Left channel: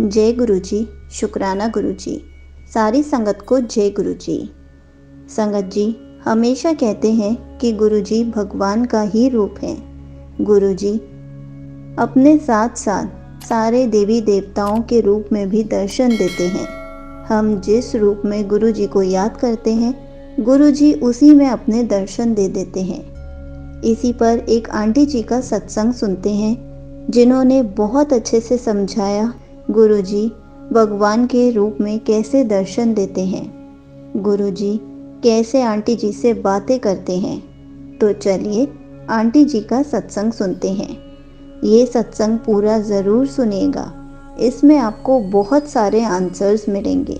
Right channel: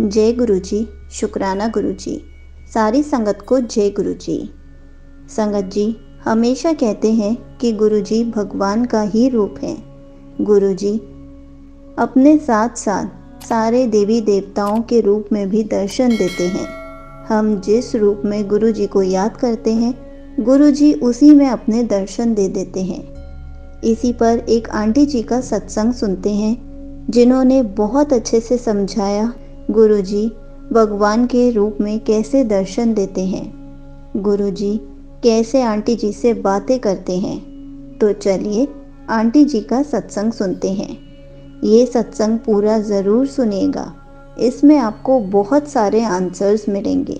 जय गुरु जी। शुक्राना गुरु जी। सारी संगत को जय गुरु जी। संगत जी हमेशा कहते हैं कि गुरु जी भगवान का ही रूप है। गुरु जी अपने साथ साथ सारे देवी देवताओं के रूप में भी दर्शन देते हैं। हम जिस रूप में गुरु जी को याद करते हैं, गुरु जी उसी में अपने दर्शन दे देते हैं। इसी पर एक आंटी जी का सत्संग सुनते हैं, जिन्होंने बहुत अच्छे से समझाया गुरु जी भगवान के रूप में कैसे दर्शन देते हैं, गुरु जी कैसे आंटी जी से बातें करते हैं। तो चलिए आंटी जी का सत्संग सुनते हैं। ये सत्संग पूरा ज़रूर सुनिएगा, इसमें आपको बहुत सारे आंसर्स मिलेंगे।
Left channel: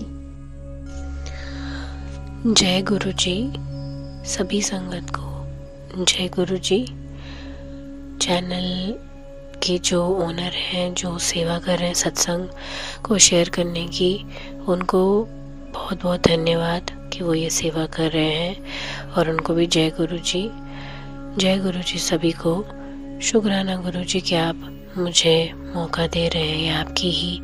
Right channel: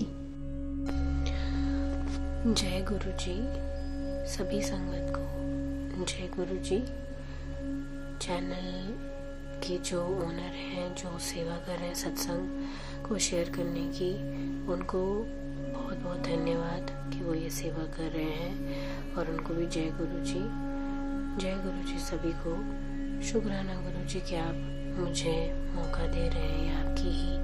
जय गुरु जी। सभी संगत को जय गुरु जी। चैनल के जो ओनर हैं, जो सेवा कर रहे हैं सत्संग को शेयर करने की, उनको बहुत बहुत धन्यवाद कि वो ये सेवा कर रहे हैं। और उनको भी जय गुरु जी। जय गुरु जी सभी को। शुक्राना गुरु जी कि आप मुझे मौका दे रहे हैं। ये आपकी ही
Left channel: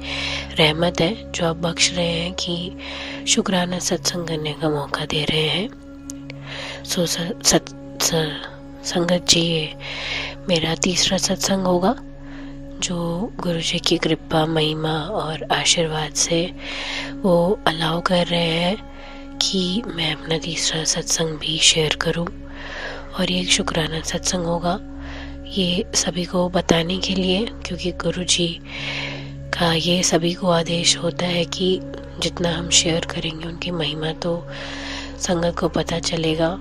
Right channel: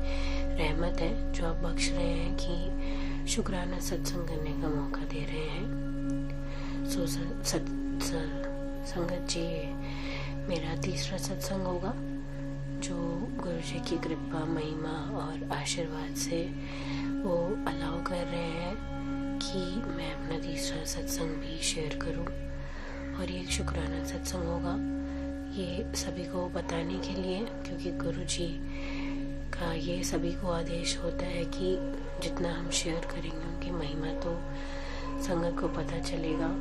रहमत है जो आप बख्श रहे हैं कि शुक्राना सत्संग करने का मौका दे रहे हैं। संगत जी, ये मेरा तीसरा सत्संग होगा जो गुरु जी की कृपा, महिमा और आशीर्वाद से वो अलाउ कर रहे हैं कि मैं अपना तीसरा सत्संग भी शेयर करूं। और ये एक शुक्राना सत्संग होगा, ये सभी को बताने के लिए, क्योंकि गुरु जी का ये सभी को आदेश होता है कि जितना हम शेयर करेंगे उनकी महिमा तो संगत को पता चलेगा।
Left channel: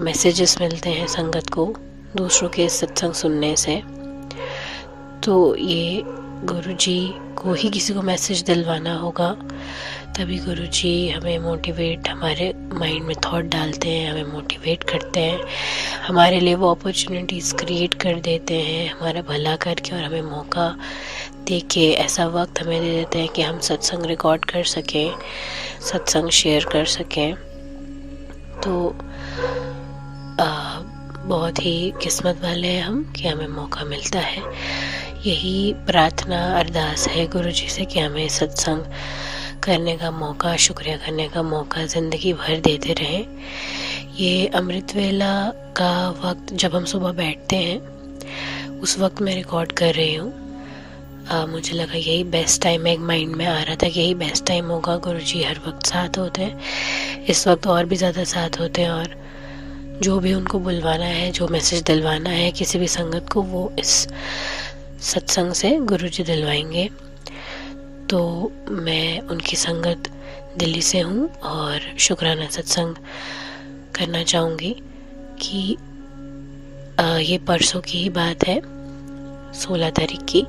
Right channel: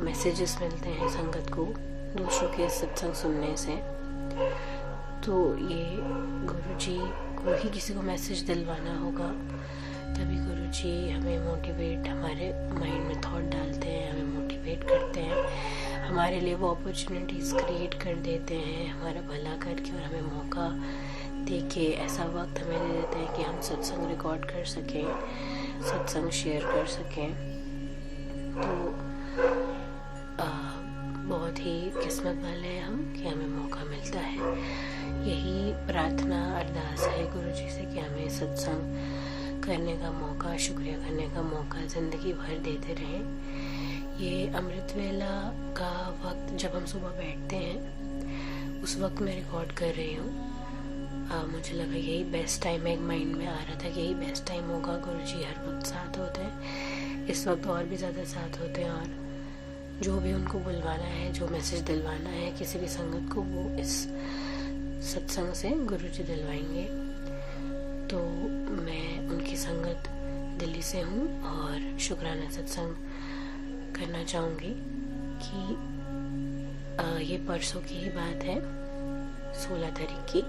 मैसेजेस मिलते हैं संगत को दूसरों के सत्संग सुनने से, तो ये गुरु जी को ही किसी को मैसेज दिलवाना होगा, तभी गुरु जी हमें मोटिवेट, हमारे माइंड में थॉट डालते हैं, हमें मोटिवेट करते हैं, हमारे लिए वो अपॉर्चुनिटीज़ क्रिएट कर देते हैं, हमारा भला करके, और हमें मौका दे के ऐसा वक्त हमें दे देते हैं कि हम सत्संग रिकॉर्ड कर सकें, सत्संग शेयर कर सकें। तो बहुत ही किस्मत वाले हैं हम कि हमें मौका मिलता है। यही प्रार्थना अरदास है गुरु जी से कि हमें सत्संग करने का मौका, शुक्रिया करने का मौका ज़िंदगी भर देते रहें। ये अमृत वेला का वक्त जब हम सुबह बैठते हैं, उस वक्त मैं रिकॉर्ड कर रही हूँ। मुझे लगा यही बेस्ट टाइम है, एक माइंड में आ रहा था कि यही बेस्ट टाइम होगा। गुरु जी हर वक्त साथ होते हैं, इस वक्त और भी ज़्यादा साथ होते हैं, और जो भी उनको बुलवाना है, जो मैसेज दिलवाना है किसी भी संगत को, वो इस सत्संग से गुरु जी दिलवाएंगे। तो मैं उनकी संगत दिल्ली से हूँ और शुक्राना सत्संग करना चाहूँगी कि ये परसों की ही बात है, 16 तारीख की।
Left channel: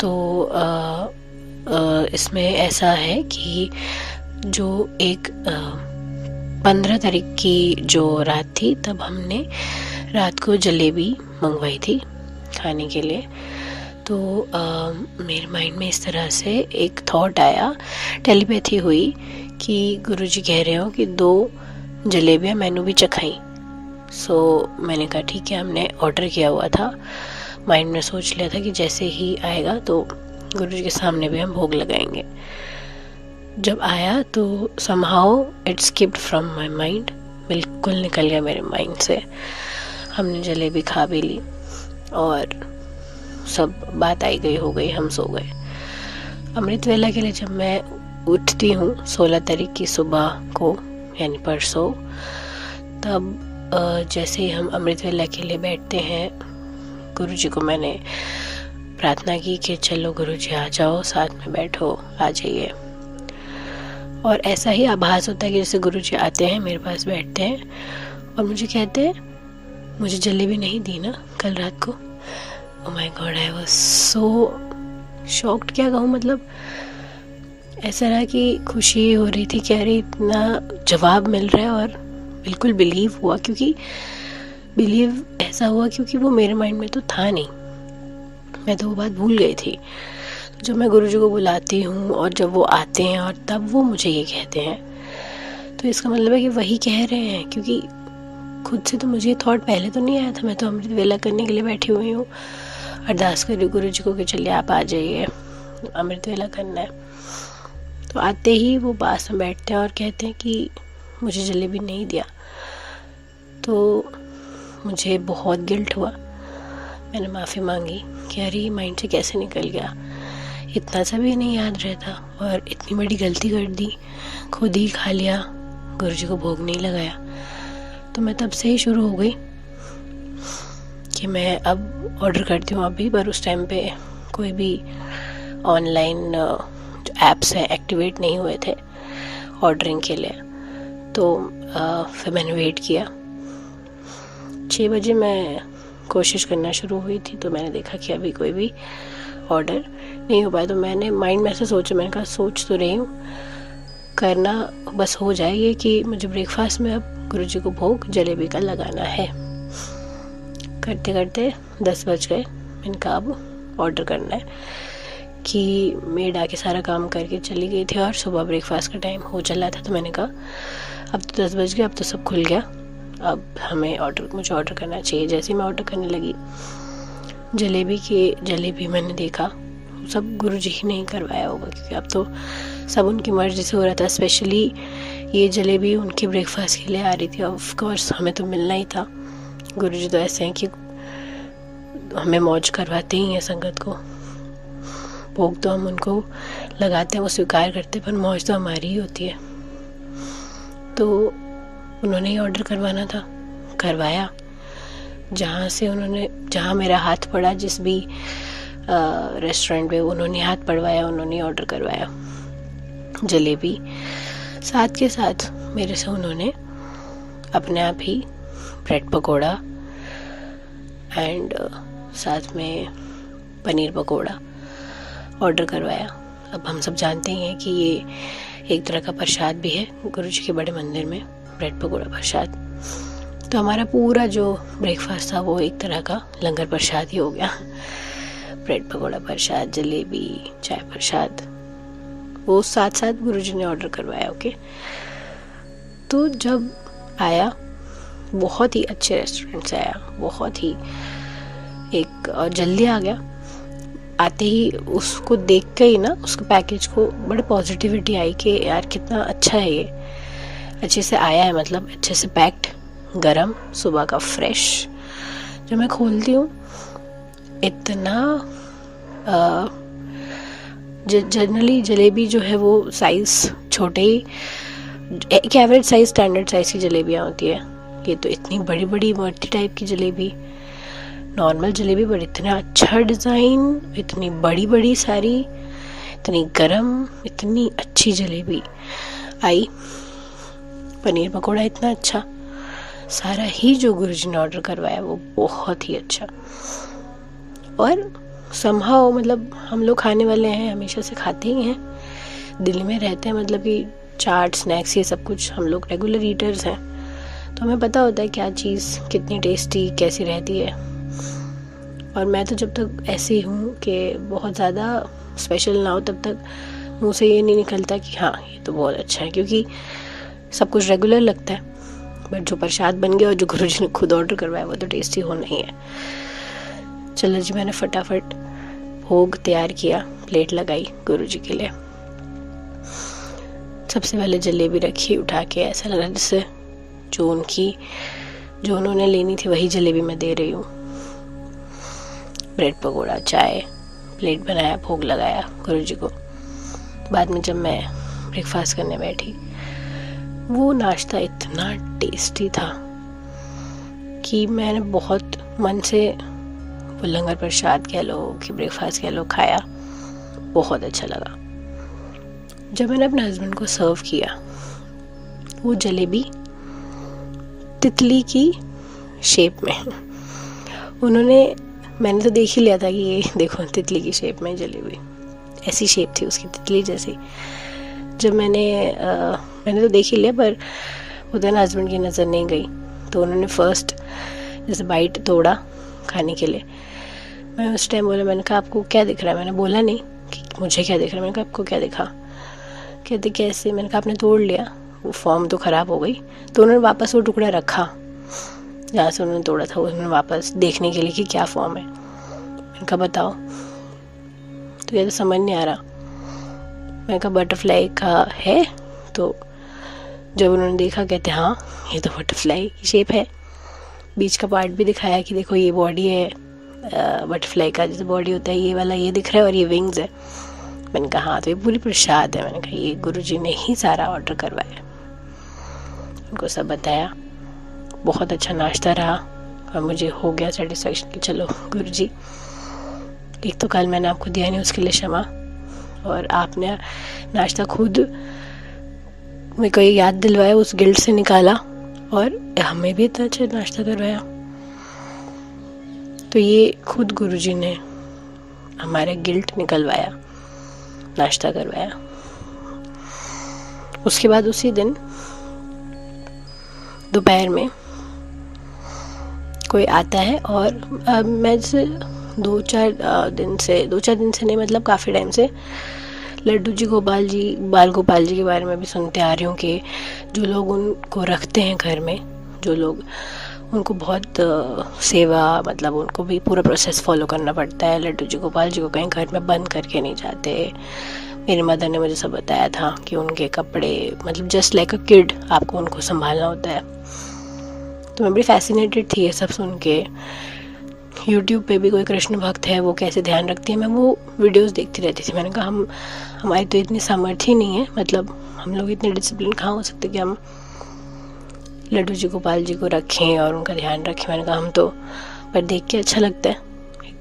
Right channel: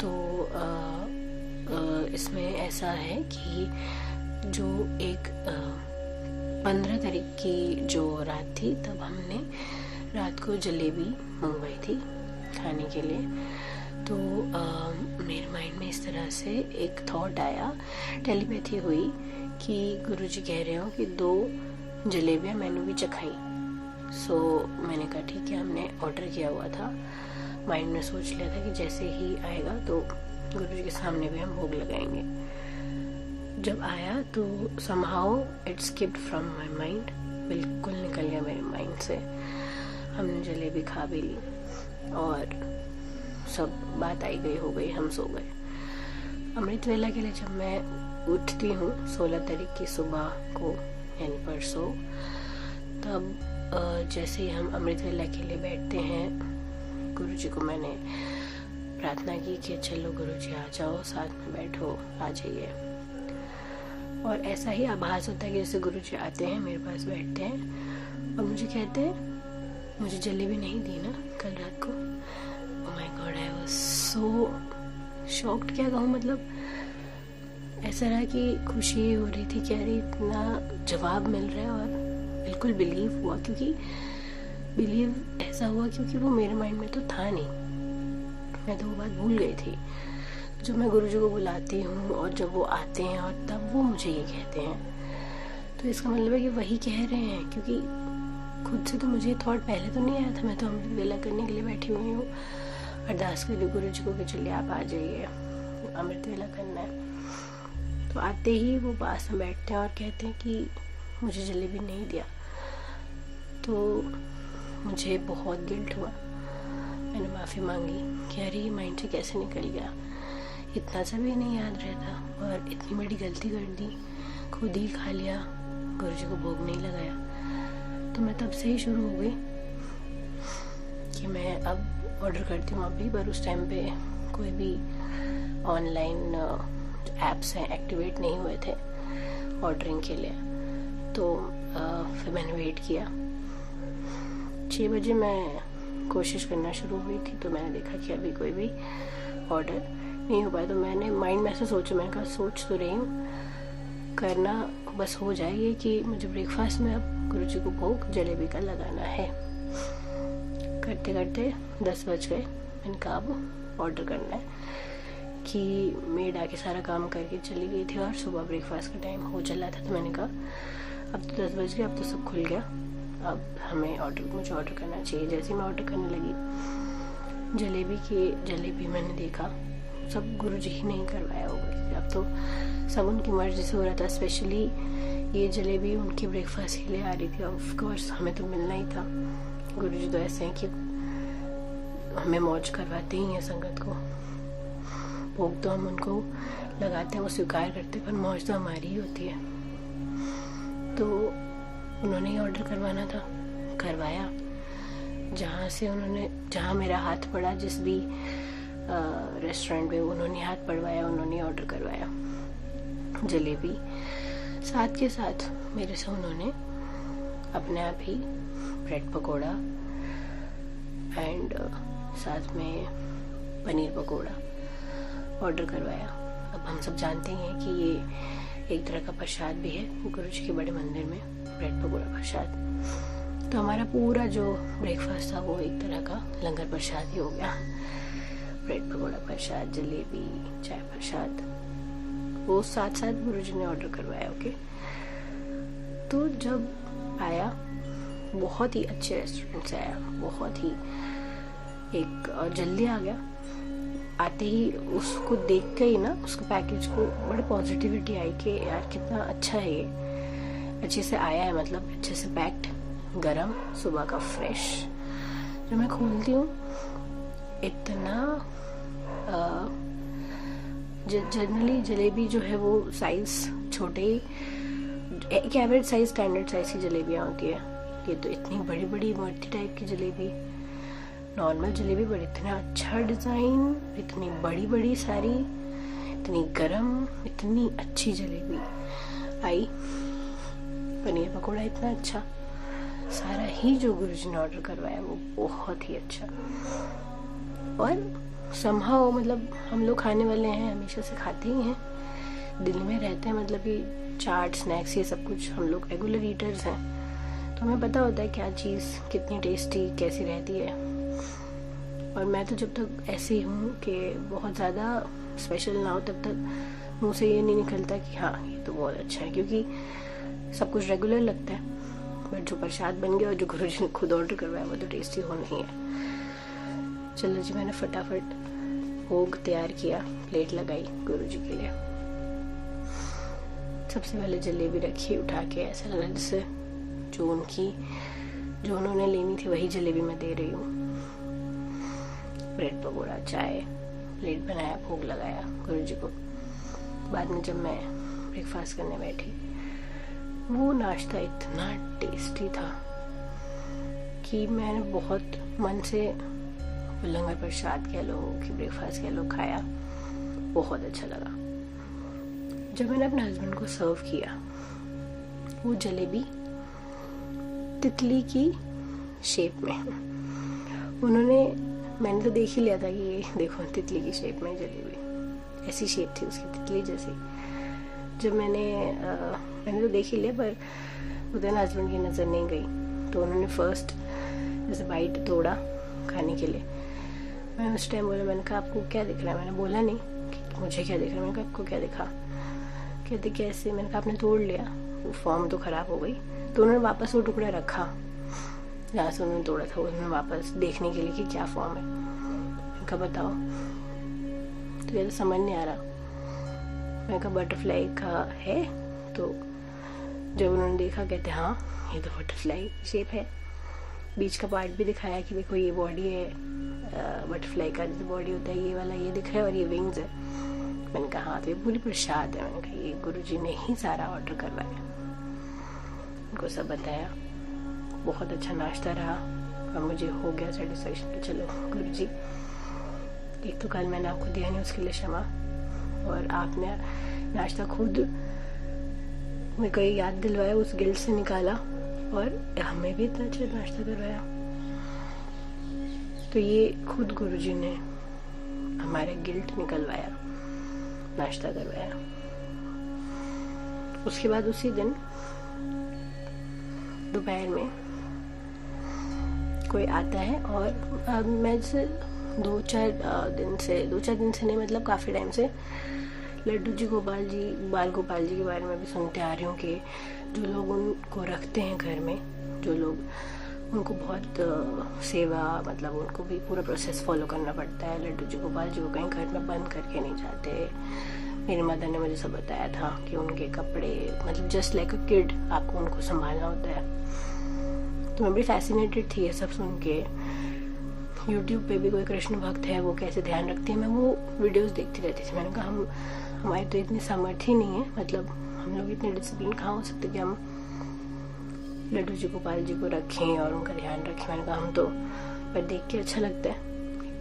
तो इसमें ऐसा है कि जो एक 15 तारीख की जो रात थी, तब हमने रात को जलेबी मंगवाई थी खाने के लिए। तो मेरे माइंड में इस तरह से एक थॉट आया, टेलीपैथी हुई कि गुरुजी कह रहे हो कि 2 जलेबियाँ मैंने भी चखाई। सो मैंने कहा ठीक है, हमने ऑर्डर किया हुआ था, माइंड में सोच लिया था कि जैसे ही आएगा तो गुरुजी के सामने भी हम भोग लगाएंगे। जब आया तो somehow it skipped from my mind, बिल्कुल निकल गया मेरे माइंड से। हमने जलेबी खा भी ली और सब बात आई गई, हो गई, हम सो गए। अमृत वेला के लिए जब मैं उठती हूँ 16 तारीख की सुबह को, यानी परसों, तब जैसे ही हम अमृत वेला के लिए बैठते हैं, गुरु जी को मैंने प्रार्थना की कि चलो गुरु जी आ जाओ, साथ में बैठो, आ जाइए। और ऐसा ही आभास होता है कि जैसे गुरु जी आते हैं, मेरे पास बैठते हैं और मुझे कहते हैं, मुझे जलेबी नहीं दी ना कल रात को। Oh my God, I was so shocked, क्या कहूँ, मतलब ऐसा रहा कि खुशी हो रही थी कि अरे इतना जवाब मिल रहा है, और बिल्कुल बिलीव हुआ, क्योंकि बिलीव ऐसा हुआ क्योंकि वो मेरे माइंड में तो था नहीं, मैं तो वो बात भूल गई थी। जब मैं गुरुजी को बुलाती हूँ और जब वो आते हैं और तब वो मुझे ये कहते हैं, तो इसका मतलब है कि वही कह रहे हैं, क्योंकि खुद से तो मुझे थॉट पहले तो नहीं आया था, मैं तो अमृत वेला करने के लिए बैठी हुई हूँ। अरदास करी गुरु जी को कि चलिए आप आ जाइए, अमृत वेला करना है। तो आते ही वो पास में बैठते हैं और कहते हैं कि मुझे जलेबी नहीं दिया। तो मुझे बहुत गिल्ट हुआ। मैंने माफ़ी मांगी कि अरे ये माइंड से कैसे निकल गया, इतना सा भी नहीं याद रहता और इतनी बड़ी गलती कर दी, खुद ही खा लिया, गुरु जी को भोग नहीं लगाया। तो मैं तब से ही शुरू हो गई कि मैं अब ऑर्डर करती हूँ अभी, पर उस टाइम पे कोई भी ऑनलाइन ऐप्स है एक्टिवेट नहीं हुए थे ऑर्डरिंग के लिए। तो फिर मैंने वेट किया। 6 बजे मैं कोशिश करना शुरू हुई थी, तो मैंने देखा कि अभी कोई भी ऑर्डर नहीं हो पाया। तो मैंने माइंड में से सोचा, मैंने कहा सोच तो रही हूँ, करना बस हो जाए ये कि मुझे ब्रेकफास्ट में अब गुरु जी को भोग जलेबी का लगाना है। करते करते 10 बज गए। मैंने कहा अब ऑर्डर करना है कि मेड आके सारा काम करके चली गई थी और सुबह ब्रेकफास्ट का टाइम हो चला था। तो मैंने कहा अब तो 10 बज गए, अब तो सब खुल गया, अब मुझे ऑर्डर करना चाहिए। जैसे मैं ऑर्डर करने लगी जलेबी मैंने देखा सब गुरुजी ही नहीं करवाया होगा, क्योंकि अब तो सब उनकी मर्जी से हो रहा था। स्पेशली ये जलेबी उनके ब्रेकफास्ट के लिए आ रही थी, ऑफ कोर्स हमें तो मिलना ही था। गुरुजी तो ऐसे हैं कि हमें मौज करवाते ही हैं संगत को। भोग तो हम उनको लगाते हैं, वो स्वीकार करते हैं, पर मौज तो हमारी ही होती है। तो उन्होंने ही ऑर्डर करवाना था, करवाया। जहाँ मेरा हाथ पड़ा, जिस भी रेस्टोरेंट पे उन्होंने हाथ पड़वाया, उन्होंने ऑर्डर करवाया जलेबी। साथ के साथ मेरे से उन्होंने अपने आप ही ब्रेड पकोड़ा एंड साथ में पनीर पकोड़ा ऑर्डर करवाया। अब हम सब जानते ही हैं कि ये एक तरह का प्रसाद भी है गुरुजी के बड़े मंदिर में, ब्रेड पकोड़ा प्रसाद। तो हमारा पूरा जो ब्रेकफास्ट था वो एक तरह का लंगर प्रसाद ही हो गया। ब्रेड पकोड़ा प्रसाद, जलेबी, चाय प्रसाद, वो साथ साथ गुरुजी ने ऑर्डर करवाया। ओके, तो जब आया, बहुत ही अच्छे रेस्टोरेंट से आया, बहुत ही और जल्दी आ गया। आते ही उसको देख के ही ना, उसके पैकेज को बड़े पॉजिटिविटी आई कि यार कितना अच्छा है, ये अच्छे से आया है, मतलब अच्छे से पैक्ड, गरम, सुबह का फ्रेश। जब मैं खोलती हूँ इतना जनरली जलेबी जो है वो साइज़ छोटे ही, एक एवरेज साइज, स्टैंडर्ड साइज़ की जलेबियाँ होती है। ये तो इतनी बड़ी बड़ी मर्ती टाइप की जलेबी, नॉर्मल जलेबी पर इतना अच्छा डिज़ाइन, इतनी बड़ी बड़ी सारी, इतनी गरम, इतनी अच्छी जलेबी आई। पनीर पकोड़ा इतना अच्छा, सारा ही जो गुरुजी ने ऑर्डर करवाया वो बहुत ही अच्छा। और समहाउ मतलब हम लोग खाने वाले हैं, हमेशा से खाते ही हैं, दिल्ली में रहते हैं, मतलब कि चाट, स्नैक्स, ये सब कुछ हम लोग रेगुलर ईटर्स हैं, तो हमें पता होता है क्या चीज़ कितनी टेस्टी कैसी रहती है। और मैं तो जब तक ऐसी हूँ कि बहुत ज़्यादा स्पेशल ना हो, तब तक मुँह से ये नहीं निकलता कि हाँ ये तो बहुत अच्छा है, क्योंकि सब कुछ रेगुलर लगता है। बट जो प्रसाद बन गया और जो गुरुजी ने खुद ऑर्डर करवाया वो तो टेस्टी होना ही है। चलो जी, मैंने फटाफट भोग तैयार किया, प्लेट लगाई गुरुजी के लिए। सबसे पहले जलेबी रखी उठा के, ऐसा लगा जैसे जो उन्होंने लेनी थी वही जलेबी मैं दे रही हूँ। ब्रेड पकोड़ा, चाय, प्लेट बनाया, भोग लगाया गुरुजी को। बाद में जब मैं ब्रेकफास्ट करने बैठी, वो नाश्ता इतना टेस्टी था कि मैंने बहुत मन से वो लंगर प्रसाद कह लो कि ब्रेकफास्ट कह लो खाया, बहुत अच्छा लगा। जब मैंने अपने हस्बैंड को सर्व किया, वो जलेबी तितली की शेप में, मैंने तो देख ही लिया था कि ये देखो तितली की शेप में जलेबी, ऐसी शेप थी उसकी तितली जैसी। जब मैंने तो देख ही लिया, पर उधर हस्बैंड की नज़र नहीं गई, तो उन्होंने फर्स्ट जैसे बाइट तोड़ा खाने के लिए। मैं उस टाइम बोला, मैंने कहा आपको क्या दिख रहा है? मैंने बोला नहीं कि मुझे क्या दिख रहा है, मैंने कहा आपको क्या दिखा? कहते कैसे? मैंने कहा आपने तोड़ लिया, वो फॉर्म तो ख़राब हो गई। तो उन्होंने वापस वो टुकड़ा रखा जहाँ से उन्होंने तोड़ा था, उन्होंने वापस देखने के लिए कि क्या फॉर्म है। इनका बताओ, तो ये तो समझ नहीं आ रहा। मैंने कहा बटरफ्लाई का है। तो जब उन्होंने देखा कहते हाँ ये तो बटरफ्लाई की शेप है। बीच का पार्ट भी दिखाया कि देखो ये बॉडी है बटरफ्लाई का, जैसे बॉडी होता है ये वाला, ये दिख रहा है और ये विंग्स है। मैंने कहा हाँ तो ये पूरी प्रसाद है। मैंने कहा ये गुरुजी ने ही सारा ऑर्डर करवाया। उनको सब बताया, बहुत अच्छा नाश्ता रहा और मुझे हो गया सेटिस्फेक्शन कि चलो गुरुजी, एक तो कल मैंने आपको दिया नहीं उसके लिए क्षमा, और आपने नाश्ता खुद मेरे को याद दिलवाया, उस गिल्ट से निकाला और हमें भी इतना अच्छा नाश्ता करवाया। तो ये खुद गुरुजी ने हमारे गिल्ट निकलवाया, नाश्ता करवाया। उसके बाद उसी दिन दोपहर में कोई आता है और मैं जैसे दो चार दिन से नहीं, मतलब काफ़ी टाइम से लड्डू जी बाल गोपाल जी के बारे में भी सुनते आ रही हूँ कि जो लोग उनको रखते हैं घर में, जो लोग उनको बहुत सेवा, मतलब उनको भी पूरा प्रोसेस फॉलो करना पड़ता है। लड्डू जी गोपाल जी को कहीं घर में बंद करके नहीं जाते। मेरी मदर ने मुझे सब बताया था कि उनके कपड़े, मतलब जस्ट लाइक अ किड आपको उनको संभालना होता है। तो मैं बड़ी फैसिनेटेड थी ये सब सुन के। यूट्यूब पे भी कोई कृष्ण भक्त है, वो कैसे ध्यान रखती है, मैं वो वीडियोस देखती रहती थी। मैंने कहा हमारी तो इतनी सामर्थ्य ही नहीं है, मतलब हम लोग इतने डिसिप्लिन कहाँ हो सकते कि हम लड्डू जी गोपाल जी को रखें और उनका ध्यान रखें। मैंने कहा हम तो, पर देख के अच्छा लगता है,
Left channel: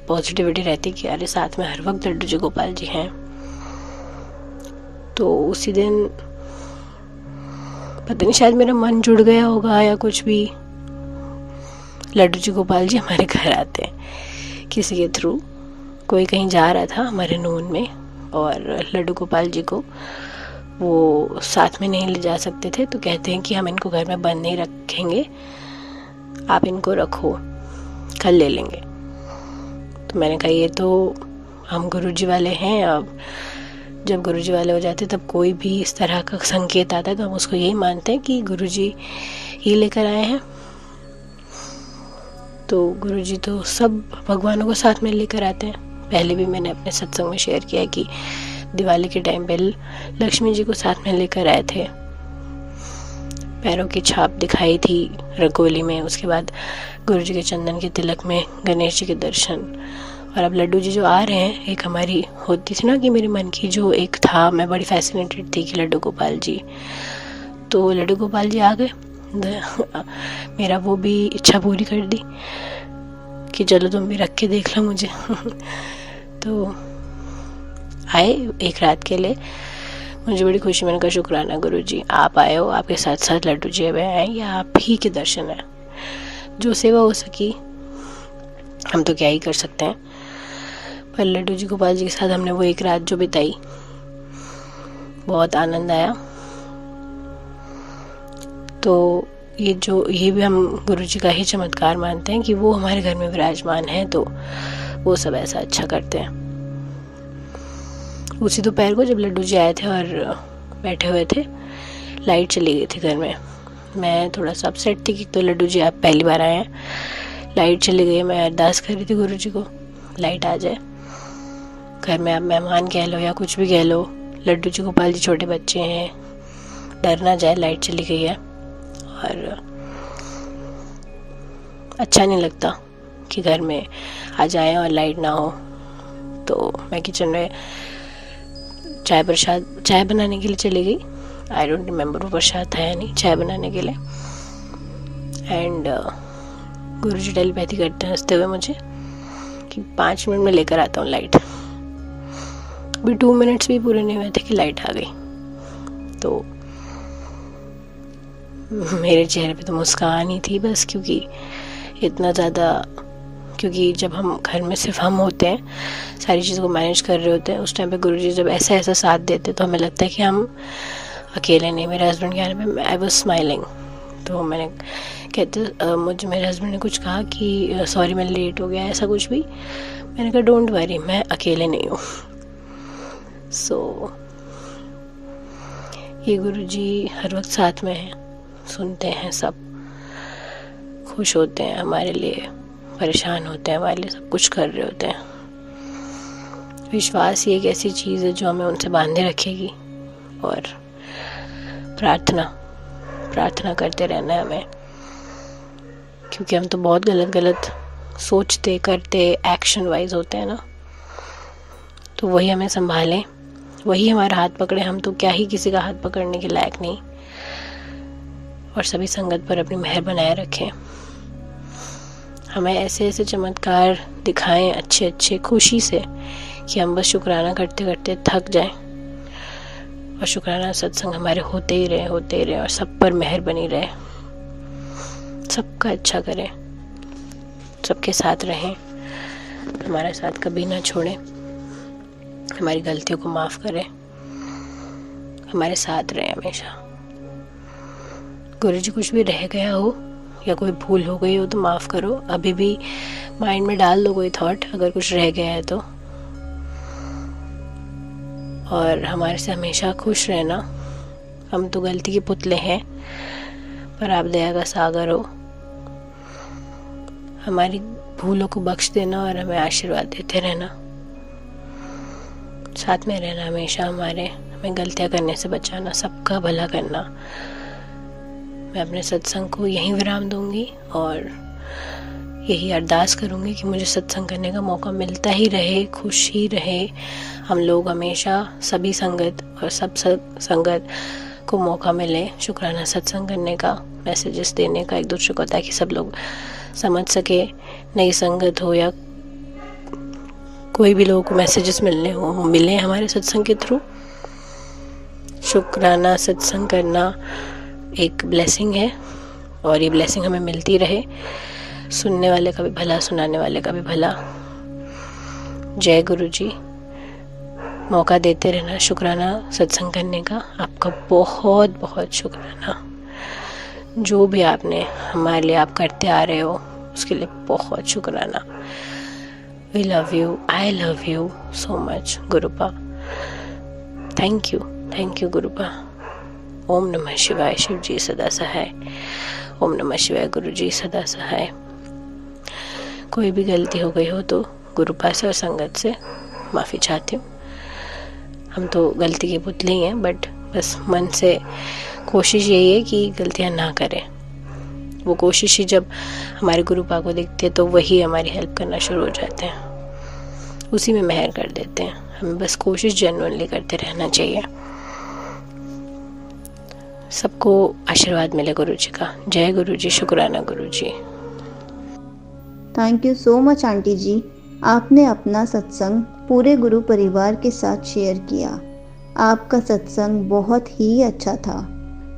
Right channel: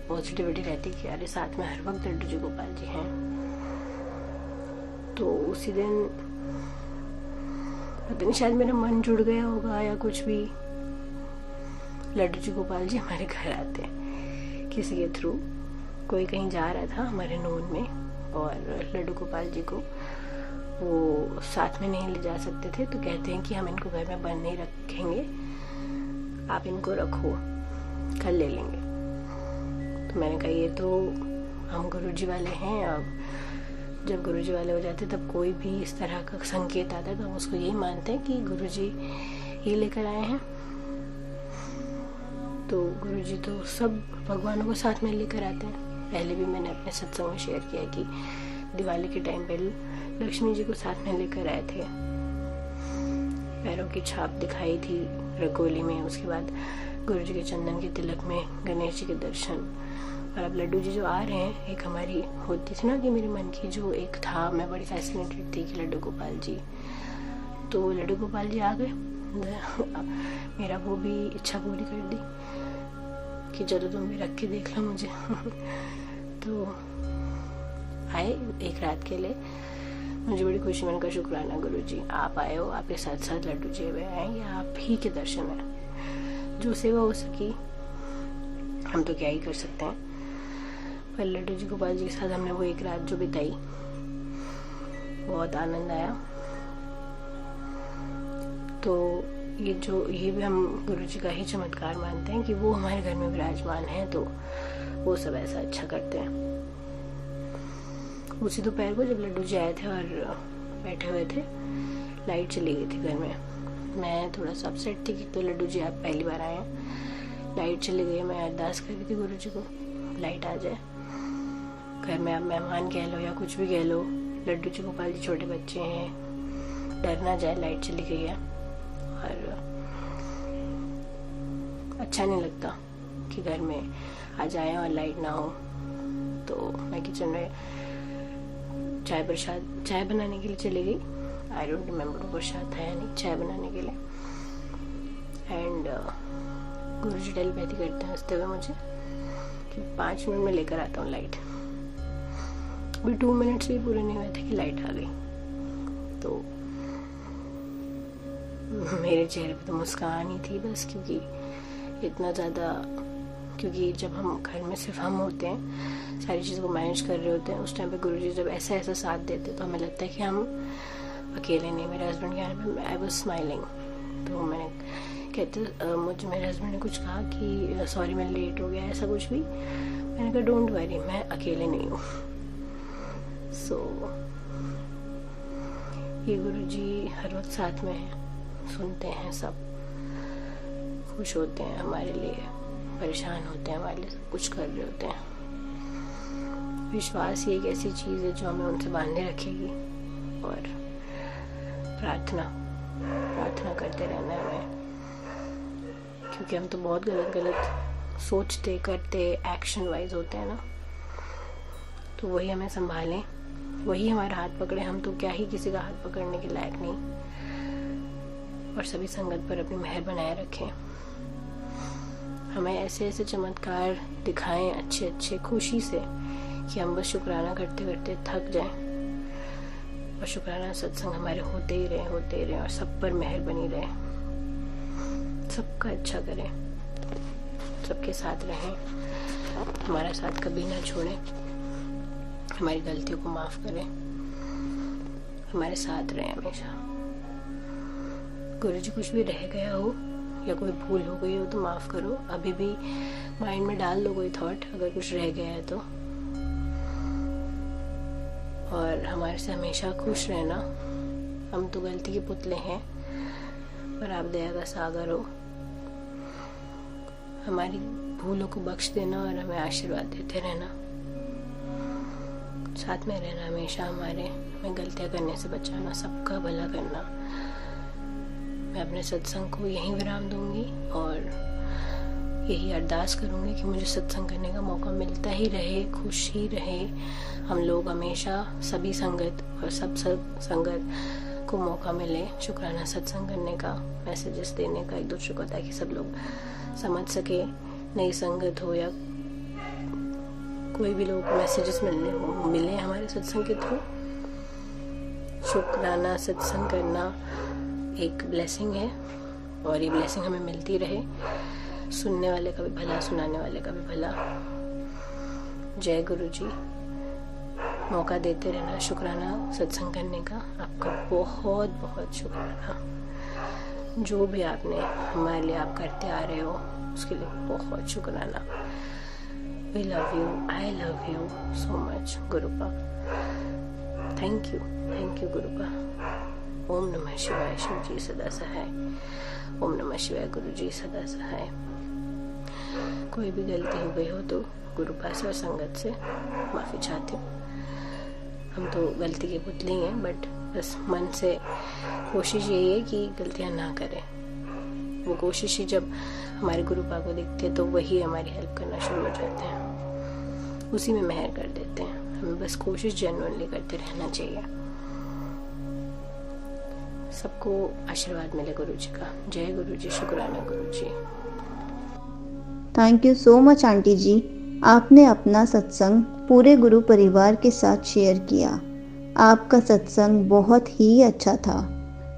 पॉजिटिविटी रहती है कि अरे साथ में हर वक्त लड्डू जी गोपाल जी हैं। तो उसी दिन पता नहीं शायद मेरा मन जुड़ गया होगा या कुछ भी, लड्डू जी गोपाल जी हमारे घर आते हैं किसी के थ्रू। कोई कहीं जा रहा था हमारे नून में और लड्डू गोपाल जी को वो साथ में नहीं ले जा सकते थे, तो कहते हैं कि हम इनको घर में बंद नहीं रखेंगे, आप इनको रखो, कल ले लेंगे। तो मैंने कहा ये तो हम गुरुजी वाले हैं, अब जब गुरुजी वाले हो जाते तब कोई भी इस तरह का संकेत आता है तो हम उसको यही मानते हैं कि गुरुजी ही लेकर आए हैं। तो गुरुजी तो सब भगवानों को साथ में लेकर आते हैं। पहले भी मैंने अपने सत्संग में शेयर किया कि दिवाली के टाइम पे लक्ष्मी जी को साथ में लेकर आए थे, पैरों की छाप दिखाई थी रंगोली में। उसके बाद गुरुजी के चंदन के तिलक में गणेश जी के दर्शन। और अब लड्डू जी जो आ रहे हैं, एक हमारी होती थी ना कि मेरे मन की जो एक था, मैं बड़ी फैसिनेटेड थी कि लड्डू गोपाल जी, तो लड्डू गोपाल जी आ गए। मेरा वो भी इच्छा पूरी कर दी कि चलो तुम भी रख के देख लो मुझे। तो आए एक रात के लिए, मुझे बड़ी खुशी। मैंने कहा शुक्राना गुरुजी, आप आए हो, आपके साथ साथ लड्डू जी भी आए, या आप ही के दर्शन है। जो सेवा हो सकी हम तो क्या ही कर सकते हैं, पर लड्डू जी गोपाल जी के साथ हमने वो एक रात जो बिताई, बहुत आनंद आया। तो ये भी हम गुरुजी का ही चमत्कार मानते हैं कि वो हमारे घर में विराजमान है, तो वो सब ऐसा अच्छा करते हैं। उसी दोपहर को जब लड्डू जी आए थे और बैठे हुए थे, लाइट चली गई थी घर में। मैं थोड़ा सा अपसेट थी कि तो लड्डू जी आप पहली बार आए हैं, लाइट चली गई। मैं अरदास कर रही थी गुरुजी को लाइट आ जाए घर में, आप मेहमान कह लो या कुछ भी कह लो, लड्डू जी गोपाल जी छोटे बच्चे हैं, डर ना जाए, लाइट चली गई है। और अच्छा नहीं लगता कि घर में आ जाए और लाइट ना हो। तो मैं किचन में चाय बनाने के लिए चली गई। आई डोंट रिमेम्बर वो प्रसाद था या नहीं, चाय बनाने के लिए। एंड गुरुजी टेलीपैथी करते हैं हंसते हुए मुझे कि 5 मिनट में लेकर आता हूँ लाइट। अभी 2 मिनट्स भी पूरे नहीं हुए थे कि लाइट आ गई। तो मेरे चेहरे पे तो मुस्कान ही थी बस, क्योंकि इतना ज़्यादा, क्योंकि जब हम घर में सिर्फ हम होते हैं, सारी चीज़ों को मैनेज कर रहे होते हैं, उस टाइम पे गुरुजी जब ऐसा साथ देते तो हमें लगता है कि हम अकेले नहीं। मेरे हस्बैंड के आने में आई वाज स्माइलिंग। तो मैंने मुझे मेरे हस्बैंड ने कुछ कहा कि सॉरी मैं लेट हो गया, ऐसा कुछ भी। मैंने कहा डोंट वरी, मैं अकेले नहीं हूँ। सो ये गुरुजी हर वक्त साथ में है, सुनते हैं, सब खुश होते हैं हमारे लिए, परेशान होते हैं हमारे लिए, सब कुछ कर रहे होते हैं। विश्वास ही एक ऐसी चीज़ है जो हमें उनसे बांधे रखेगी, और प्रार्थना करते रहना है हमें, क्योंकि हम तो बहुत गलत सोचते करते एक्शन वाइज होते हैं ना। तो वही हमें संभालें, वही हमारा हाथ पकड़े। हम तो क्या ही किसी का हाथ पकड़ने के लायक नहीं। और सभी संगत पर अपनी मेहर बनाए रखें। हमें ऐसे ऐसे चमत्कार दिखाएं अच्छे खुशी से, कि हम बस शुक्राना करते करते थक जाएं, और शुक्राना सत्संग हमारे होते ही रहे और सब पर मेहर बनी रहे। सबका अच्छा करें, सबके साथ रहें, हमारा साथ कभी ना छोड़े, हमारी गलतियों को माफ़ करें, हमारे साथ रहें हमेशा। गुरु जी कुछ भी रह गया हो या कोई भूल हो गई हो तो माफ़ करो। अभी भी माइंड में डाल दो कोई थॉट अगर कुछ रह गया है तो, और हमारे से हमेशा खुश रहना। हम तो गलती के पुतले हैं, पर आप दया का सागर हो। हमारी भूलों को बख्श देना और हमें आशीर्वाद देते रहना, साथ में रहना हमेशा हमें गलतियां करने से बचाना, सबका भला करना। मैं अपने सत्संग को यहीं विराम दूंगी और यही अरदास करूंगी कि मुझे सत्संग करने का मौका मिलता ही रहे, खुश ही रहे हम लोग हमेशा। सभी संगत और सब संगत को मौका मिले शुक्राना सत्संग करने का, मैसेजेस देने का एक दूसरे को, ताकि सब लोग समझ सके। नई संगत हो या कोई भी लोगों को मैसेजेस मिले हमारे सत्संग के थ्रू। शुक्राना सत्संग करना एक ब्लेसिंग है, और ये ब्लेसिंग हमें मिलती रहे। सुनने वाले का भी भला, सुनाने वाले का भी भला। जय गुरु जी। मौका देते रहना शुक्राना सत्संग करने का। आपका बहुत बहुत शुक्राना। जो भी आपने हमारे लिए आप करते आ रहे हो उसके लिए बहुत शुक्राना। We love you. I love you so much, गुरुपा। Thank you गुरुपा। ओम नमः शिवाय। शिव जी सदा सहाय। ओम नमः शिवाय। गुरु जी सदा सहाय। कोई भी गलती हो गई हो तो गुरुपा से और संगत से माफ़ी चाहती हूँ। हम तो गलती के पुतले ही हैं, बट बस मन से कोशिश यही है कि गलतियाँ ना करें। वो कोशिश ही जब हमारे गुरुपा को दिखती है तो वही हमारी हेल्प करना शुरू हो जाते हैं, उसी में मेहर कर देते हैं। हमें बस कोशिश जेन्युइनली करते रहना चाहिए। सबको आशीर्वाद मिले गुरु जी का। जय गुरु जी। शुक्राना Guru ji. Thank you so much aunty ji. आपने अपना सत्संग पूरे गुरु परिवार के साथ शेयर किया। आपका सत्संग बहुत ही अच्छा था।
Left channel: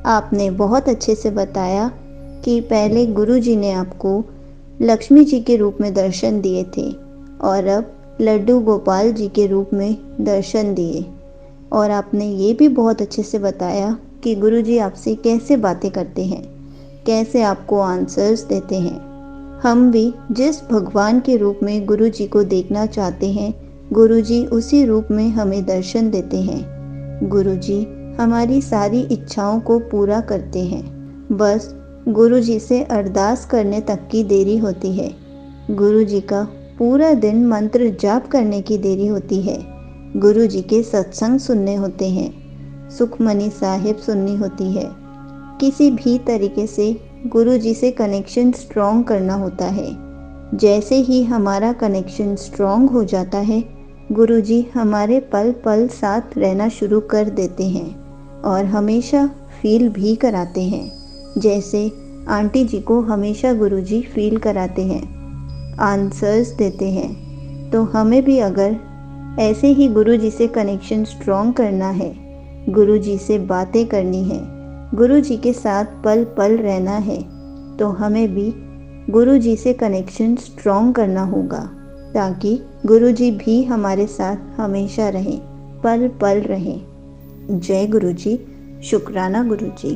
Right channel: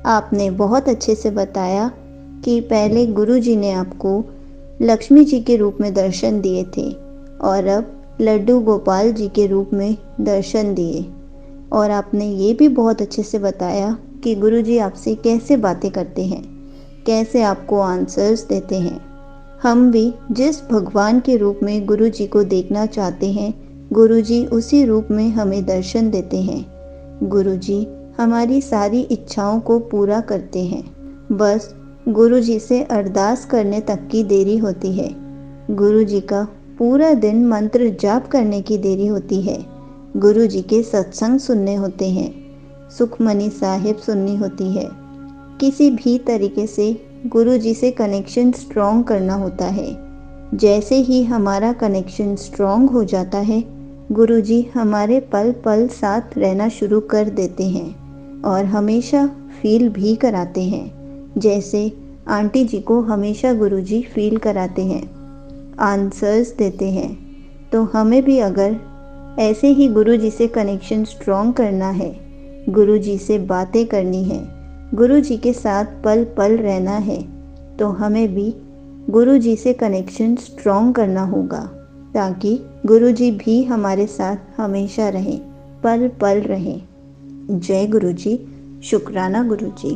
आपने बहुत अच्छे से बताया कि पहले गुरु जी ने आपको लक्ष्मी जी के रूप में दर्शन दिए थे और अब लड्डू गोपाल जी के रूप में दर्शन दिए। और आपने ये भी बहुत अच्छे से बताया कि गुरु जी आपसे कैसे बातें करते हैं, कैसे आपको आंसर्स देते हैं। हम भी जिस भगवान के रूप में गुरु जी को देखना चाहते हैं, गुरु जी उसी रूप में हमें दर्शन देते हैं। गुरु जी हमारी सारी इच्छाओं को पूरा करते हैं। बस गुरु जी से अरदास करने तक की देरी होती है। गुरु जी का पूरा दिन मंत्र जाप करने की देरी होती है। गुरु जी के सत्संग सुनने होते हैं, सुखमनी साहिब सुननी होती है। किसी भी तरीके से गुरु जी से कनेक्शन स्ट्रॉन्ग करना होता है। जैसे ही हमारा कनेक्शन स्ट्रॉन्ग हो जाता है, गुरु जी हमारे पल पल साथ रहना शुरू कर देते हैं और हमेशा फील भी कराते हैं, जैसे आंटी जी को हमेशा गुरु जी फील कराते हैं, आंसर्स देते हैं। तो हमें भी अगर ऐसे ही गुरु जी से कनेक्शन स्ट्रॉन्ग करना है, गुरु जी से बातें करनी है, गुरु जी के साथ पल पल रहना है, तो हमें भी गुरु जी से कनेक्शन स्ट्रॉन्ग करना होगा, ताकि गुरु जी भी हमारे साथ हमेशा रहें, पल पल रहें। जय गुरु जी। शुक्राना गुरु जी।